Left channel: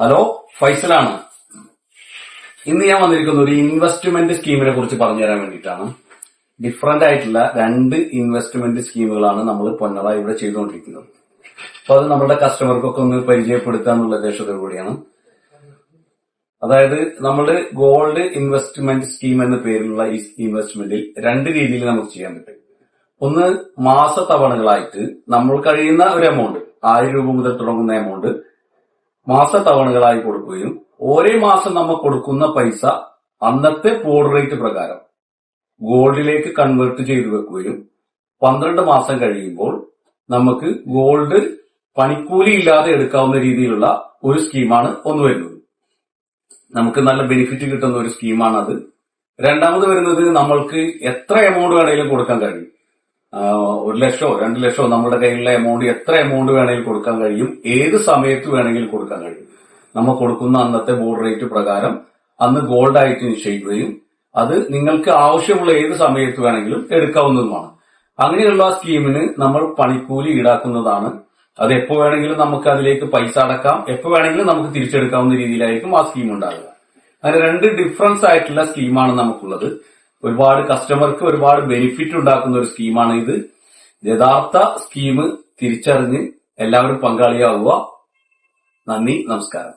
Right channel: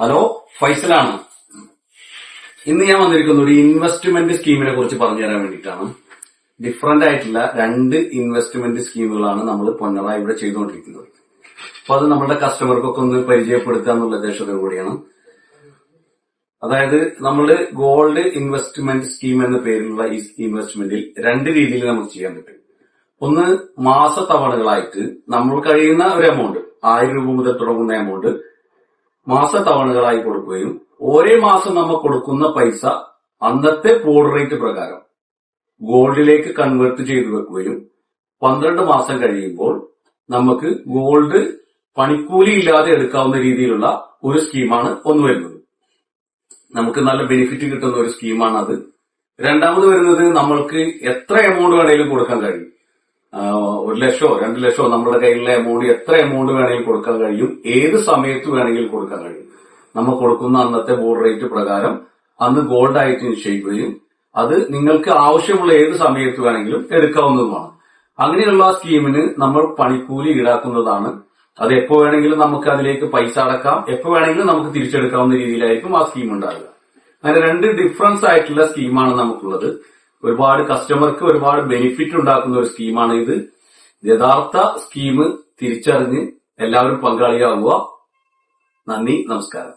Hello, ഫൈസലാണ്. ഇന്ന് ഞാൻ വന്നിരിക്കുന്ന ഒരു ഇൻവെസ്റ്റ്മെന്റ് സ്കീമിനെ കുറിച്ച് പറഞ്ഞു തരാൻ വേണ്ടിയിട്ടാണ്. ഡിഫറന്റ് ആയിട്ടുള്ള 2 ഇൻവെസ്റ്റ്മെന്റ് സ്കീമുകളാണ് നമ്മൾ പൊന്നറ ഇവിടെ ചെയ്തുകൊണ്ടിരിക്കുന്നത്. അപ്പൊ അത് നമ്മുടെ കസ്റ്റമർക്കൊക്കെ ഒന്ന് പരിചയപ്പെടുത്തുക എന്നുള്ള ഉദ്ദേശത്തോടു കൂടിയാണ്. അതായത് നമ്മൾ ഗോൾഡ് ഇൻവെസ്റ്റ്മെന്റ് സ്കീം എന്ന പേരിലുള്ള ഈ ഇൻവെസ്റ്റ്മെന്റിൽ 2 രീതിയിൽ നമുക്ക് ചെയ്യാൻ പറ്റും. ഒന്ന്, മാസത്തവണകളായിട്ട് നമ്മൾ കഴിയുന്ന ഒരു എമൗണ്ട്, 1000 രൂപ മുതൽ തുടങ്ങുന്ന എമൗണ്ട് മാസത്തവണകളായി കൊടുക്കുകയും ഓരോ മാസം നമ്മൾ കൊടുക്കുന്ന പൈസ അന്നത്തെ ഫോർവേഡ് റേറ്റ് പ്രകാരം ഗോൾഡിലേക്ക് കൺവേർട്ട് ചെയ്തു വെക്കുകയും 12 മാസം കഴിയുമ്പോൾ നമുക്ക് ഗോൾഡ് പണിക്കൂലി ഇല്ലാതെ എടുക്കാവുന്ന രീതിയിലുള്ള ഒരു സ്കീമാണ് ഒന്ന് വരുന്നത്. നമുക്ക് നല്ല ബെനിഫിറ്റ് കിട്ടുന്ന ഒരു സ്കീമാണ് അത്. രണ്ടാമത് വരുന്നത്, നമ്മൾക്ക് എത്ര എമൗണ്ട് വേണമെങ്കിലും കൊടുക്കാൻ കഴിയും. 1 ലക്ഷമോ 2 ലക്ഷമോ നമ്മുടെ കയ്യിലുള്ള എമൗണ്ട് എത്ര എമൗണ്ട് വേണമെങ്കിലും കൊടുക്കാൻ കഴിയും. ഏത് സമയത്ത് വേണമെങ്കിലും കൊടുക്കാൻ കഴിയും. നമ്മൾ കൊടുക്കുന്ന അന്നത്തെ ബോർഡ് റേറ്റ് പ്രകാരം അന്ന് ഗോൾഡ് ആയിട്ട് നിശ്ചയിക്കുകയും അത് നിങ്ങൾക്ക് ആവശ്യമുള്ള ഏത് സമയത്ത് വേണമെങ്കിലും എടുക്കാവുന്നതുമാണ്. അങ്ങനെയുള്ള സ്കീമിന് നമ്മൾ പണിക്കൂലി ഈടാക്കുന്നതാണ്. അത് എപ്പോ വേണമെങ്കിലും നമുക്ക് അതിലേക്ക് പൈസ അടക്കാം, എപ്പോ വേണമെങ്കിലും നമുക്ക് തിരിച്ചെടുക്കാവുന്ന രീതിയിലായിരിക്കും ആ സ്കീം ഉണ്ടാകുക. അങ്ങനെ 2 ഡിഫറൻസ് ആയിട്ടുള്ള സ്കീമാണ് നമുക്കുള്ളത്. ഒരുപാട് കസ്റ്റമർക്ക് ഒരുപാട് ബെനിഫിറ്റ് ഉണ്ടാക്കുന്ന ഒരു സ്കീമാണ് ഇത്. യഥാർത്ഥ സ്കീം തിരിച്ചറിഞ്ഞ് എല്ലാവരും പങ്കാളിയാവുക. നന്ദി, നമസ്കാരം.